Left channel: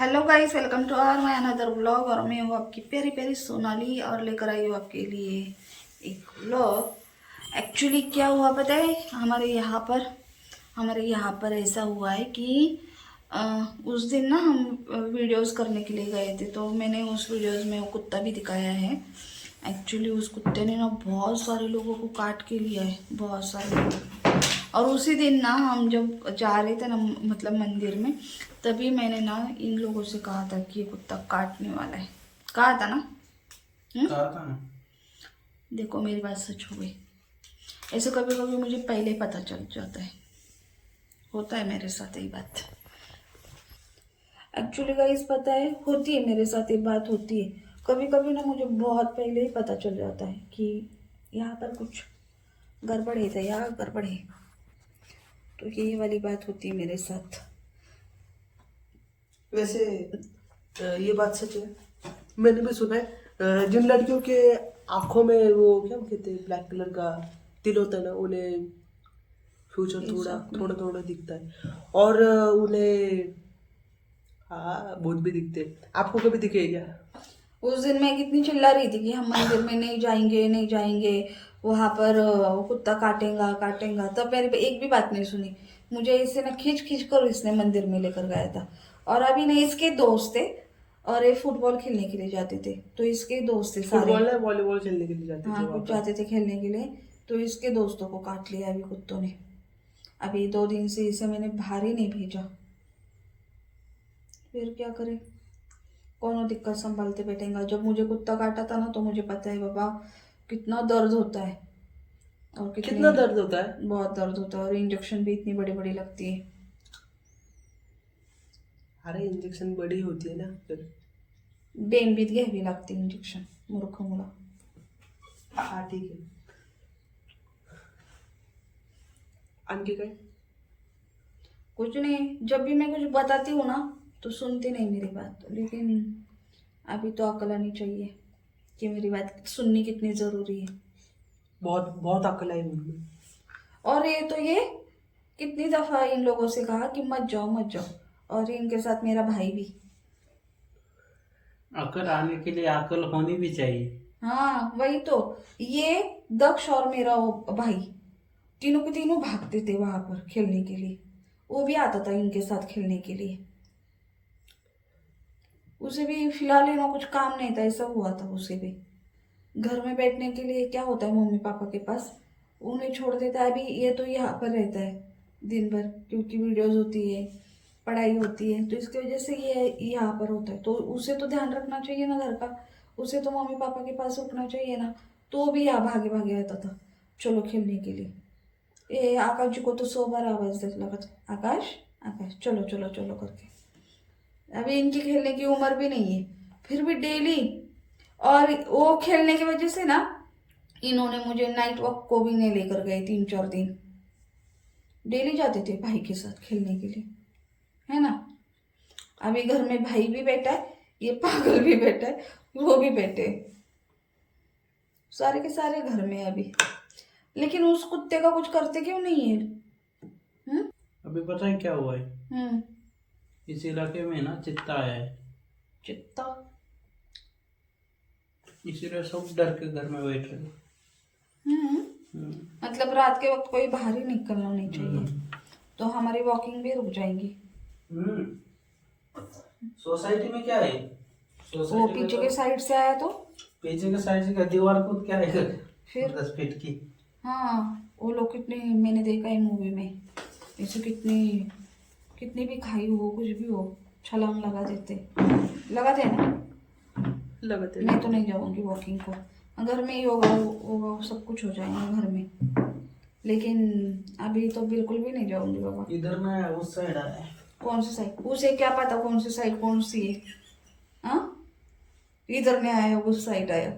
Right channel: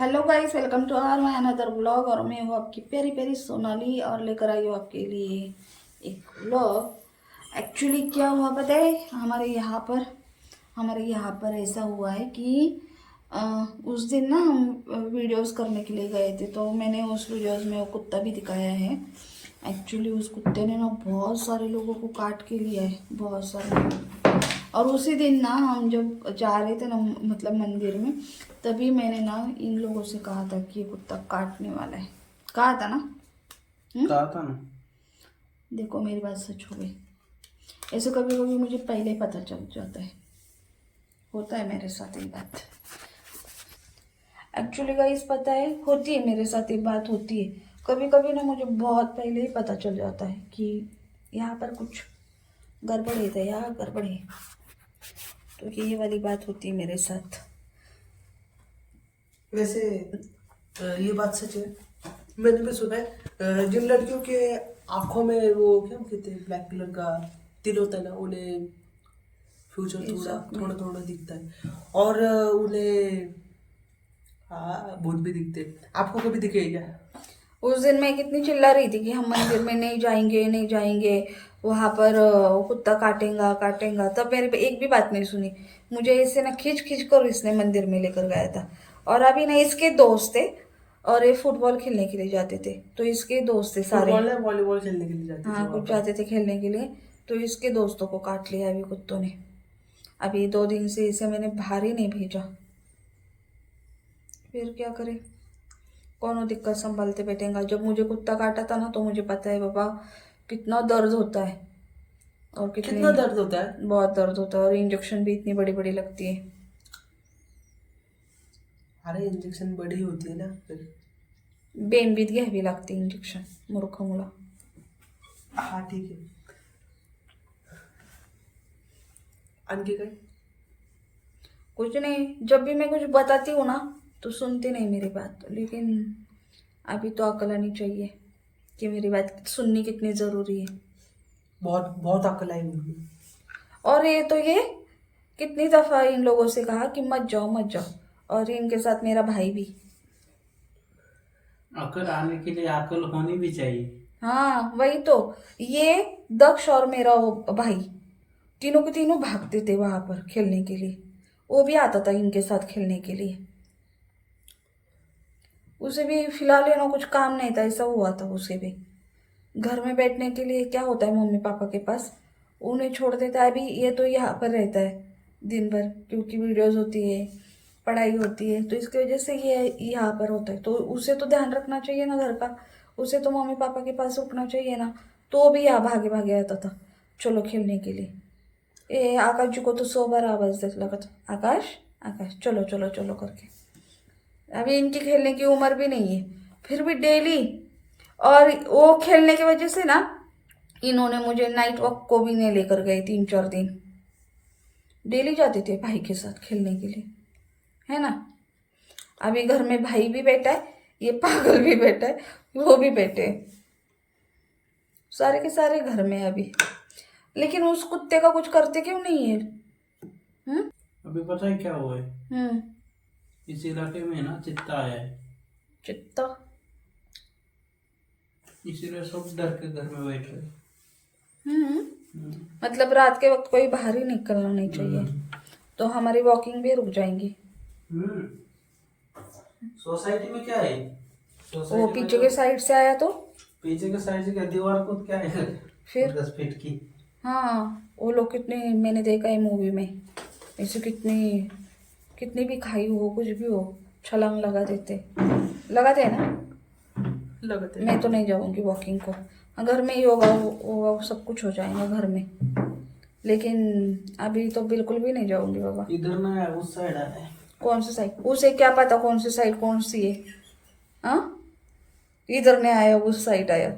Hello guys, welcome to our my another blog. और मैं हूँ आपकी प्यारी प्यारी सोनाली और लेकर आई हूँ आपके लिए एक ब्लॉग। एक्चुअली क्या हुआ पता है, हमारे यहाँ पर ऐसा हुआ है कि उस दिन ना हम वीडियोस करने के लिए गए थे, तो मैंने उस वीडियोस में वो कुत्ता भी दिखाया है। एक्चुअली उस कुत्ते ने ना बहुत सारे लोगों को काट के लिया है, बहुत सारे लोगों को। और उसी दिन ना हम जब जा रहे थे ना, मतलब मंदिर में, तभी मैंने ना इन लोगों से कहा था कि ये कुत्ता काटने वाला है। कहा था ना? कहा था ना। देखो मेरी बात सच हो गई। ऐसे कभी कभी मुझे पहले पता चल जाता है, होता है मेरे साथ यही बात। एक्चुअली गाइस पता है, होती है मेरे साथ ये बात होती है। कभी कभी ना मुझे बहुत पहले ही पता चल जाता है कि यहाँ पर कुछ गड़बड़ है, तो यहाँ गड़बड़ है। तो ये वाली बात होती है मेरे साथ। वैसे ये बात सच है। मैंने भी सुना है जिन लड़कियों के आंखों में वो क्या कहते हैं, ब्लैक कलर का तिल होता है ना, उन्हें फ्यूचर थोड़ा Exactly. थोड़ा थोड़ा दिखता है। और उन्हें हाँ भूत भी दिखते हैं। आपको कभी दिखे क्या? उस दिन मैं कितनी चिल्ला रही थी कि हम मंदिर में नहीं जाएंगे, नहीं जाएंगे, वहां पर वो कुत्ता काटेगा काटेगा। तब मेरी एक भी बात नहीं सुनी। मुझे इसे ना खींच खींच कर इसने मंदिर में लेकर गया था। और अभी ना इसके दोस्त थे, और ये फुटबॉल खेलने के लिए जाते थे, तो इसके दोस्त थे सारे। फुटबॉल या वॉलीबॉल खेलने के लिए जाते थे हाँ, वहाँ कुछ पर। जाते थे खेलने के लिए, तो इसके दोस्तों को काट लिया अभी कुत्तों ने। अभी 2 दिन से इसे मैंने बाहर ही नहीं भेजा। फिर क्या करे, कौन दिक्कत संभालते बैठेगा। जब मुझे कुत्ता काटा था ना, तो मुझे पता है बाबा कितना दर्द होता है, और कितनी कितना दर्द होता है? बहुत दर्द होता है, और इंजेक्शन भी इतनी बड़ी बड़ी लगती है। अरे इंजेक्शन बड़ी होती है ना फिर। बेन भी घ्यावी लागते इंजेक्शन, मूर्ख मुला। हाँ ठीक है। आणखी काय? कुछ नहीं, जब भी मैं कुछ बताती हूँ ना तो सुनते नहीं मेरी बात। लेकिन अभी तो अकल आनी चाहिए कि मेरी बात सुननी कितनी ज़रूरी है। बहुत बहुत अकल आई मुझे। और ये कितनी दफ़ा इन लोगों से कहा कि मत जाओ मत जाओ, और इनके साथ मेरा भाई भी। अकल आने के लिए अकल होनी भी चाहिए। हाँ वही तो। ये दक्ष और मेरा वो भाई, तीनों के तीनों भागते थे वहां पर खेलने के लिए। वो भी आता था इनके साथ खेलने के लिए। उसे भी फिलहाल है ना कुछ काम नहीं था, ऐसा हुआ था उसे भी। घर में बैठने के लिए क्या होता है मम्मी पापा के पास, उन्हें छोड़ देता है। अभी ये तो यहाँ पर रहता है दिन भर, क्योंकि वीडियोज होती है, पढ़ाई होती है, तो इसकी वजह से ये यहाँ पर होता है। तो उसे तो ध्यान रखना चाहिए ना घर का, उसे तो मम्मी पापा के पास रुकना चाहिए ना। तो वो भी यहाँ भागे भागे आता था चलो खेलने के लिए। ए आकाश जी को तो 100 बार आवाज दे लगा था, आकाश आकाश चलो चलो चलो करके। अभी इनकी खेलने की उम्र भी नहीं है, फिर भी डेली। और वो खेलने की वजह से ना इन्होंने मुझे नाइट वॉक को भी नहीं लेकर गए 3-4 दिन। डेली जाते थे भाई के साथ खेलने के लिए, है ना। अभी घर में भाई भी बैठा है, ये पागल भी बैठा है, वो भी बैठे हैं। सारे के सारे घर में अभी। लेकिन उस कुत्ते का कुछ करते क्यों नहीं है? हम्म अभी पता है क्या हुआ है? हम्म इस इलाके में ना चित्ता है, चित्ता? इसीलिए सब डर के घर में बैठ रहे। मतलब रात के वक्त कोई बाहर ही निकलना नहीं चाहिए, हम्म। तो हमारी वॉकिंग भी रुक जाएंगी। सोसाइटी में क्या है? वो सोसाइटी में पीछे तो के साइड से आया तो पीछे के साइड से क्या दीवार को क्या है? फिर 10 फीट की। हाँ, वो लोग कितने, मैंने देखा है मूवी में, ऐसे कितनी कितनी भी खाई हो कुछ भी हो, छलांग लगाते हैं ना। लगाते मैं तो नहीं जाऊंगी वॉकिंग को, घर में ही होगा सब कुछ हो जाएगा घर में। लेकिन अभी तो बिल्कुल भी नहीं जाऊंगी बाबा। इधर ना है, उस साइड है। कौन सी साइड? उसे क्या पता कौन सी साइड कौन सी है। हाँ, इधर नहीं आया उस साइड आया।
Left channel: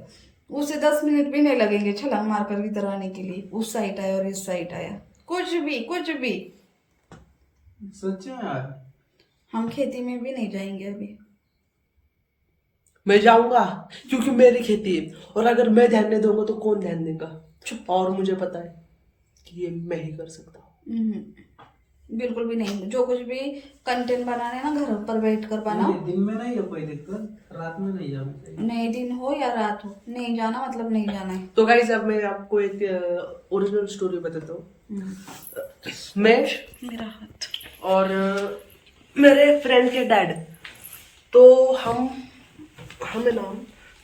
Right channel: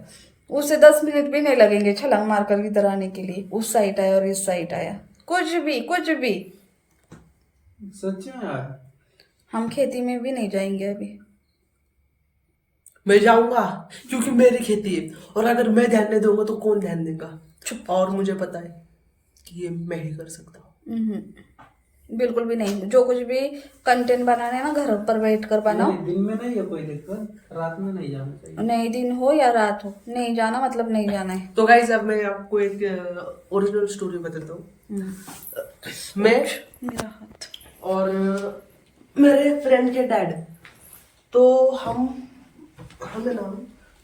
उसे 10 मिनट भी नहीं लगेंगे छलांग मारकर इधर आने के लिए। उस साइड आया और इस साइड आया, कुछ भी कुछ भी। सच में यार। हम खेती में भी नहीं जाएंगे अभी। मैं जाऊंगा क्योंकि मेरी खेती है, और अगर मैं ध्यान नहीं दूंगा तो कौन ध्यान देगा? चुप। और मुझे पता है कि ये मैं ही कर सकता हूँ। बिल्कुल भी नहीं। जो कुछ भी कंटेंट बनाना है ना घर पर बैठ कर बनाओ। नहीं, दिन में नहीं है कोई दिक्कत, रात में नहीं जाना चाहिए। नहीं दिन हो या रात हो, नहीं जाना मतलब नहीं जाना है। तो गाइस अब मैं आपको एक ओरिजिनल स्टोरी बताता हूँ। हम्म। मैं मेरा हाथ। और मेरे फ्रेंड के डैड, तो हमें ना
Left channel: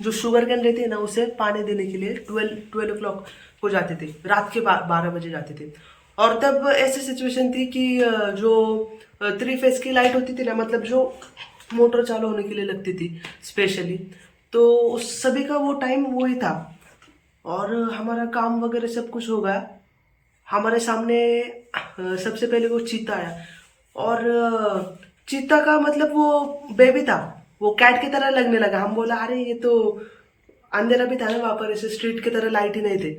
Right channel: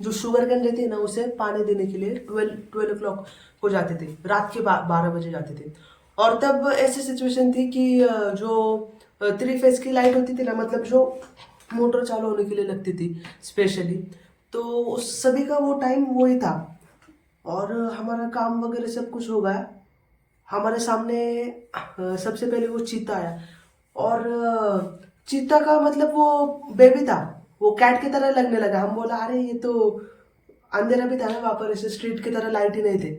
जो शुगर कैन रहती है ना उसे पानी देने के लिए 12 o'clock को जाते थे, रात के 12 बजे जाते थे। और तब ऐसी सिचुएशन थी कि जो 3 फेज की लाइट होती थी ना, मतलब जो मोटर चालू होने के लिए लगती थी स्पेशली, तो उस सभी का वो टाइम वही था। और हमारा काम वगैरह सब कुछ हो गया। हमारे सामने सबसे पहले वो चीता आया। और चीता का मतलब वो बेबी था, वो कैट की तरह लगने लगा। हम बोला अरे ये तो अंधेरा भी था ना वहाँ पर, ऐसे स्ट्रीट की तरह लाइट ही नहीं थे।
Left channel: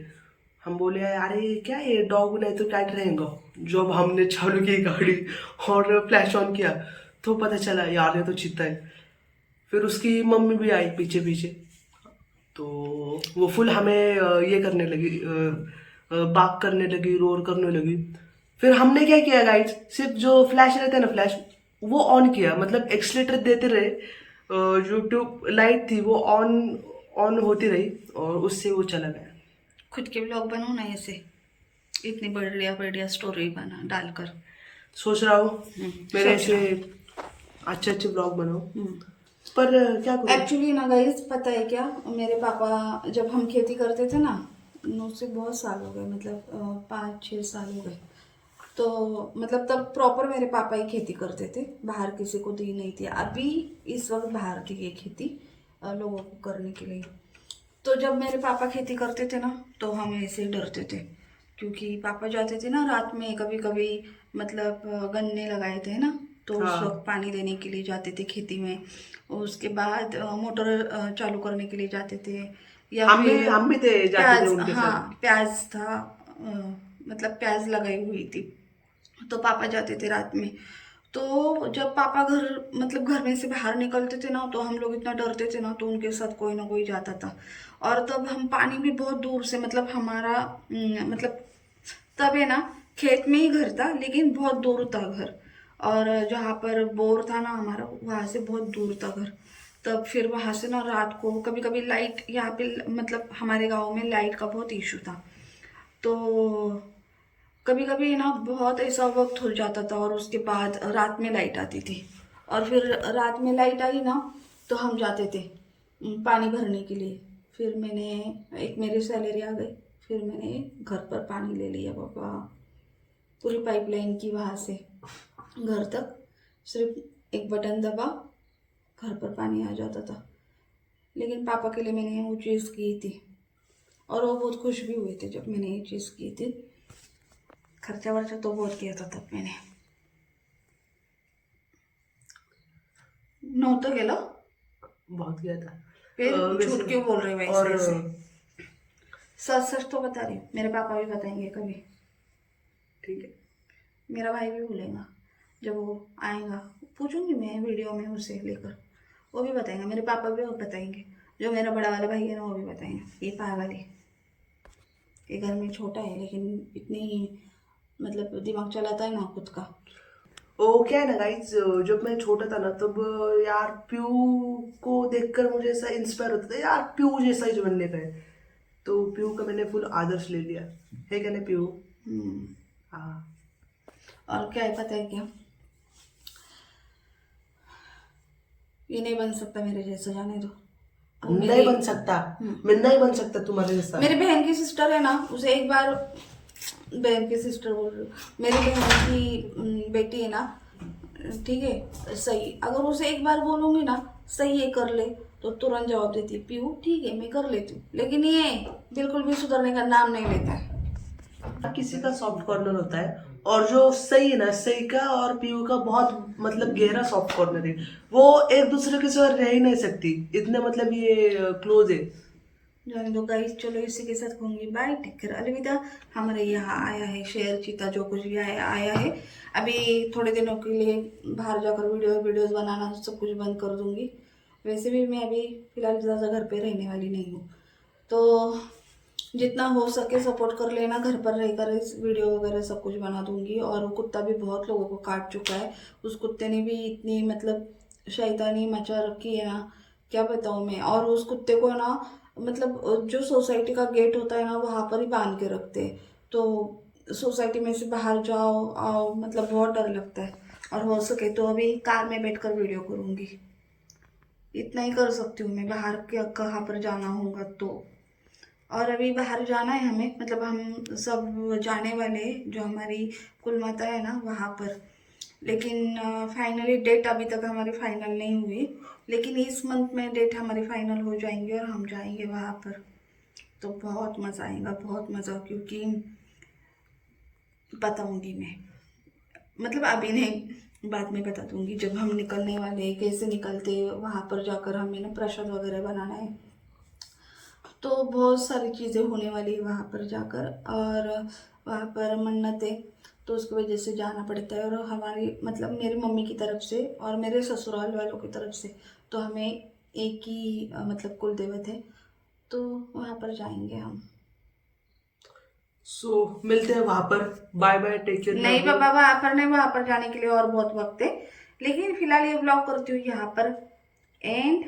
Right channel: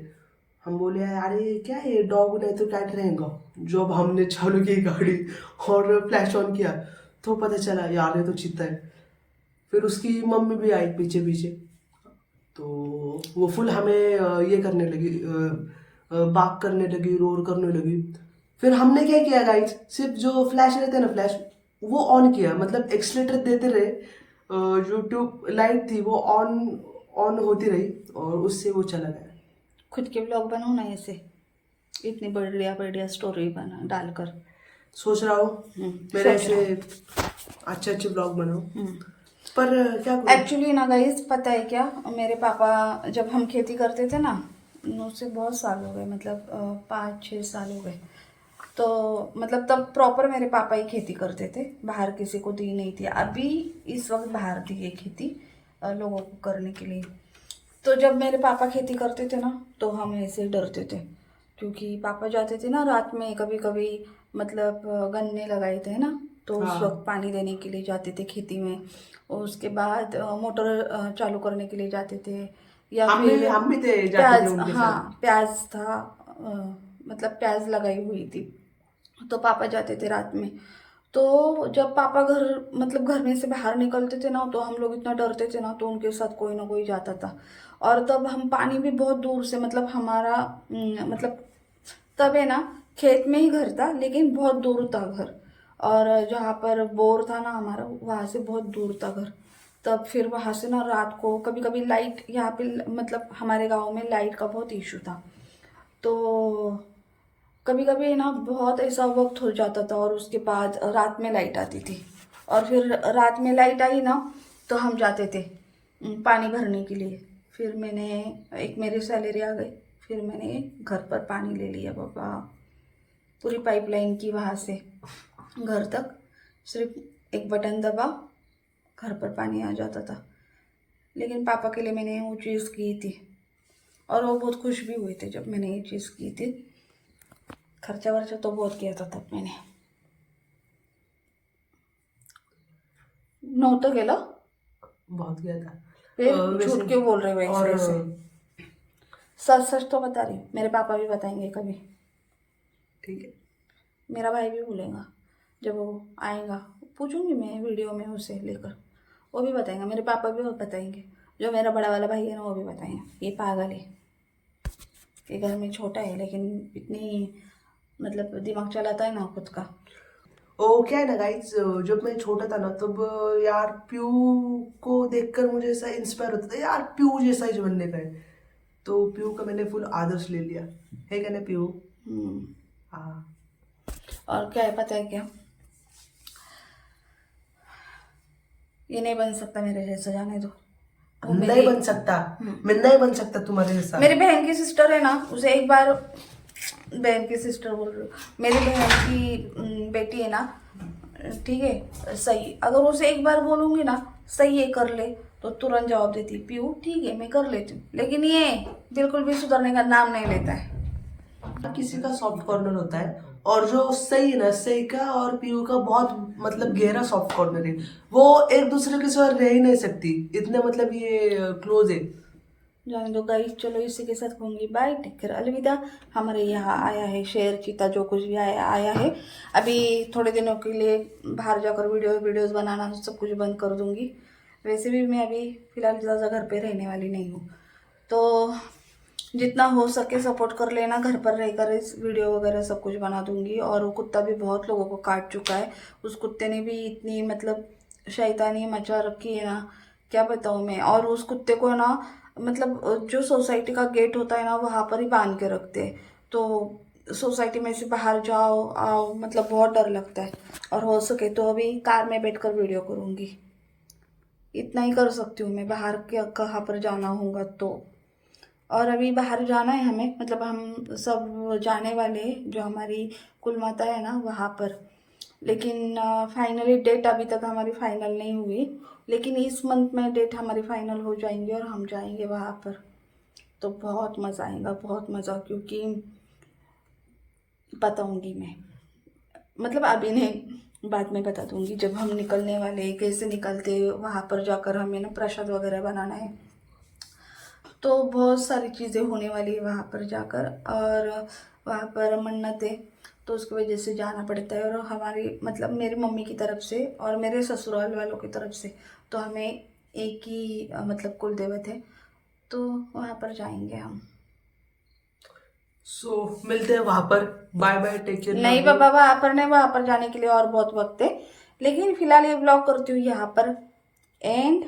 हम बोले अरे ये क्या है, ये डॉग नहीं तो कैट रहेगा। जब हमने चालू की गाड़ी और फ्लैश ऑन किया तो पता चला यार ये तो चीता है। फिर उसकी मम्मी भी आई पीछे पीछे, तो वो फुल हमें ये करने लगी, बाक करने लगी, रोर करने लगी। फिर हमने क्या किया गाइस, सिर्फ जो फ्लैश रहता है ना, फ्लैश वो ऑन किया, मतलब एक्सलेटर देते रहे। जो ट्यूब लाइट थी वो ऑन ऑन होती रही और उससे वो चला गया। खुद के ब्लॉग बनाओ ना ऐसे, इतनी बढ़िया बढ़िया स्टोरी बना डालकर। सोच रहा हूँ मेरे सोच रहा ऐसे अच्छे अच्छे ब्लॉग बनाओ, हूँ। पर क्या करूँ। एक्चुअली ना गाइस पता है क्या, मेरे पापा जब हम खेती करते थे ना, उससे बहुत साल हो गए, मतलब 5-6 साल हो गए। तो मतलब तब प्रॉपर मेरे पापा ही खेती करते थे, बाहर किसी को दी नहीं थी। अभी इस वक्त बाहर दी है खेती लोगों को करने के लिए। तो जब मेरे पापा खेती करते थे ना तो हम ऐसे ही डरते थे, क्योंकि पापा जाते थे ना रात में कभी कभी, मतलब गन्ने लगाए थे ना, तो उस हाँ, वक्त पानी देने के लिए जाते थे खेती में। और उसके बाद मोटर चालू करने के लिए जाते थे। या फिर हम भी थे, जाते थे प्याज, उनके हाँ साथ। प्याज था, मतलब प्याज लगाई हुई थी, तो पापा जाते थे रात में। तो जब पापा घर, मतलब घर में से बाहर निकलते थे ना, तो हम लोग इतना डरते थे ना, तो उनके साथ कोई ना कोई जाता था। और तब हम पानी भी बहुत दूर से, मतलब हमारा मतलब तब है ना, खेत में ही घर था लेकिन बहुत दूर था घर। और जहाँ पर बोर था ना हमारा, वहाँ से बहुत दूर था घर। तब फिर वहाँ से ना रात को कभी कभी लाइट यहाँ पे, मतलब हमारे गांव में लाइट का बहुत इशू था। तो कभी कभी ना बहुत ऐसा वक्त हो जाता था, और उसके बाद रात में लाइट आती थी। और फिर रात में लाइट आई ना, तो हम जाते थे पानी भरने के लिए। फिर मैंने, एक मेरी सैलरी आ गई, फिर मैंने घर पर पानी ले लिया बाबा, पूरी पाइपलाइन की वहाँ से घर तक, सिर्फ एक बटन दबा, घर पर पानी आ जाता था। लेकिन पापा के लिए मैंने वो चीज़ की थी, और वो बहुत खुश भी हुए थे जब मैंने ये चीज़ की थी। खर्चा वर्चा तो बहुत किया था तब मैंने। नव्हतं केलं। बहुत किया था। फिर वैसे झूठ क्यों बोल रहे हो ऐसे और ऐसे? सच सच तो बता रही हूँ, मेरे पापा भी बताएंगे कभी। ठीक है। मेरा भाई भी बोलेगा जब वो आएगा, पूछूंगी मैं वीडियो में उसे लेकर, वो भी बताएंगे। मेरे पापा भी बताएंगे, जो मेरा बड़ा वाला भाई है ना वो भी बताएंगे ये पागल है, ये घर में छोटा है लेकिन इतनी, मतलब दिमाग चलाता है ना खुद का। वो क्या है ना गाइज, जब मैं छोटा था ना तब यार पीयू को देखकर मुझे ऐसा इंस्पायर होता था, यार पीयू जैसा ही बनने का है। तो पीयू का मैंने फुल आदर्श ले लिया है, क्या ना पीयू। हम्म। हाँ। और क्या है पता है क्या, ये नहीं बन सकता मेरे जैसा, जाने दो। वो नहीं मेरी बन सकता, मैं नहीं बन सकता तुम्हारे जैसा। मेरी बहन की सिस्टर है ना, उसे एक बार, बहन की सिस्टर बोल रही हूँ, मेरी बहन की बेटी है ना, ठीक है सही, अगर उसे एक बार बोलूँगी ना सही है कर ले, तो तुरंत जवाब देती है पीयू ठीक है मैं कर लेती हूँ। लेकिन ये बिल्कुल भी सुधरने का नाम नहीं लेता है। किसी का सॉफ्ट कॉर्नर होता है, और जो सही है ना, सही का और पीयू का बहुत मतलब गहरा सॉफ्ट कॉर्नर है। वो एक दूसरे के साथ रह ही नहीं सकती, इतने मतलब ये क्लोज है। जाने दो गाइस, चलो इसी के साथ कहूँगी बाय, टेक केयर, अलविदा। हमारे यहाँ आया है शेर चीता जो कुछ भी आया आया है। अभी थोड़े दिनों के लिए बाहर जाकर वीडियोस बनाना सब कुछ बंद कर दूँगी। वैसे भी मैं अभी फ़िलहाल ज़्यादा घर पे रहने वाली नहीं हूँ, तो जितना हो सके सपोर्ट कर लेना। घर पर रहकर इस वीडियो वगैरह सब कुछ बना दूंगी। और वो कुत्ता भी बहुत लोगों को काट चुका है। उस कुत्ते ने भी इतनी मतलब शैतानी मचा रखी है ना, क्या बताऊँ मैं। और उस कुत्ते को ना मतलब जो सोसाइटी का गेट होता है ना वहाँ पर ही बांध के रखते हैं। तो सोसाइटी में से बाहर जाओ आओ मतलब बहुत डर लगता है। और हो सके तो अभी कार में बैठकर वीडियो करूँगी, इतना ही कर सकती हूँ मैं। बाहर क्या कहाँ पर जाना होगा तो। और अभी बाहर जाना है हमें, मतलब हम सब जाने वाले हैं, जो हमारी कुल माता है ना वहाँ पर। लेकिन फाइनली डेट अभी तक हमारी फाइनल नहीं हुई, लेकिन इस मंथ में डेट हमारी फाइनल हो जाएंगी और हम जाएंगे वहाँ पर। तो बहुत मज़ा आएगा, बहुत मज़ा, क्योंकि बताऊँगी मैं, मतलब अभी नहीं, बाद में बता दूँगी जब हम निकलने वाले हैं, कैसे निकलते हैं। वहाँ पर जाकर हमें ना प्रसाद वगैरह बनाना है। तो बहुत सारी चीज़ें होने वाली है वहाँ पर जाकर। और वहाँ पर मन्नत है तो उसकी वजह से जाना पड़ता है। और हमारी मतलब मेरी मम्मी की तरफ से और मेरे ससुराल वालों की तरफ से तो हमें एक ही मतलब कुल देवत है, तो वहाँ पर जाएंगे हम। सो मिलते हैं वहां पर। बाय बाय, टेक केयर, नहीं लव यू। बाबा, वहाँ पर नहीं, वहाँ पर जाने के लिए और बहुत वक्त है। लेकिन फिलहाल ये ब्लॉग करती हूँ यहाँ पर एंड,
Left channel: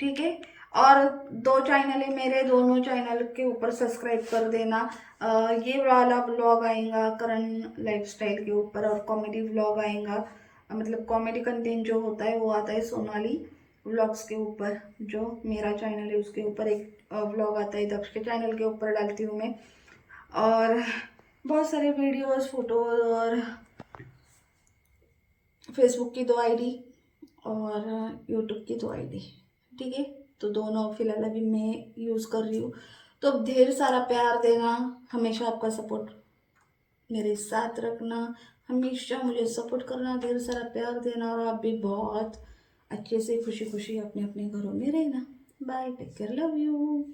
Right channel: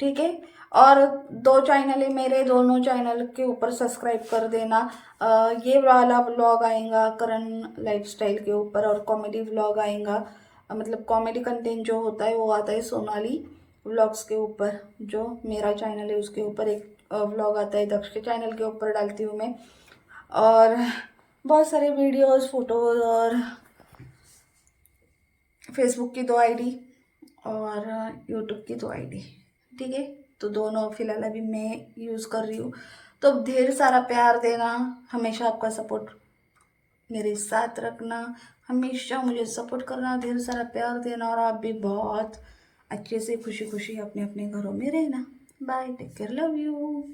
ठीक है। और 2 चैनल है मेरे, दोनों चैनल के ऊपर सब्सक्राइब कर देना। ये वाला ब्लॉग आएगा करण लाइफस्टाइल के ऊपर, और कॉमेडी व्लॉग आएगा, मतलब कॉमेडी कंटेंट जो होता है वो आता है सोनाली व्लॉग्स के ऊपर। जो मेरा चैनल है उसके ऊपर एक व्लॉग आता है, दक्ष के चैनल के ऊपर डालती हूँ मैं। और बहुत सारे वीडियोस, फोटोज, और फेसबुक की 2 आईडी और यूट्यूब की 2 आईडी, ठीक है। तो दोनों फिलहाल अभी मैं यूज़ कर रही हूँ। तो ढेर सारा प्यार देना, हमेशा आपका सपोर्ट मेरे साथ रखना, हमेशा मुझे सपोर्ट करना, ढेर सारा प्यार देना। और आप भी बहुत अच्छे से खुशी खुशी अपने अपने घरों में रहना। Bye, take care, love you.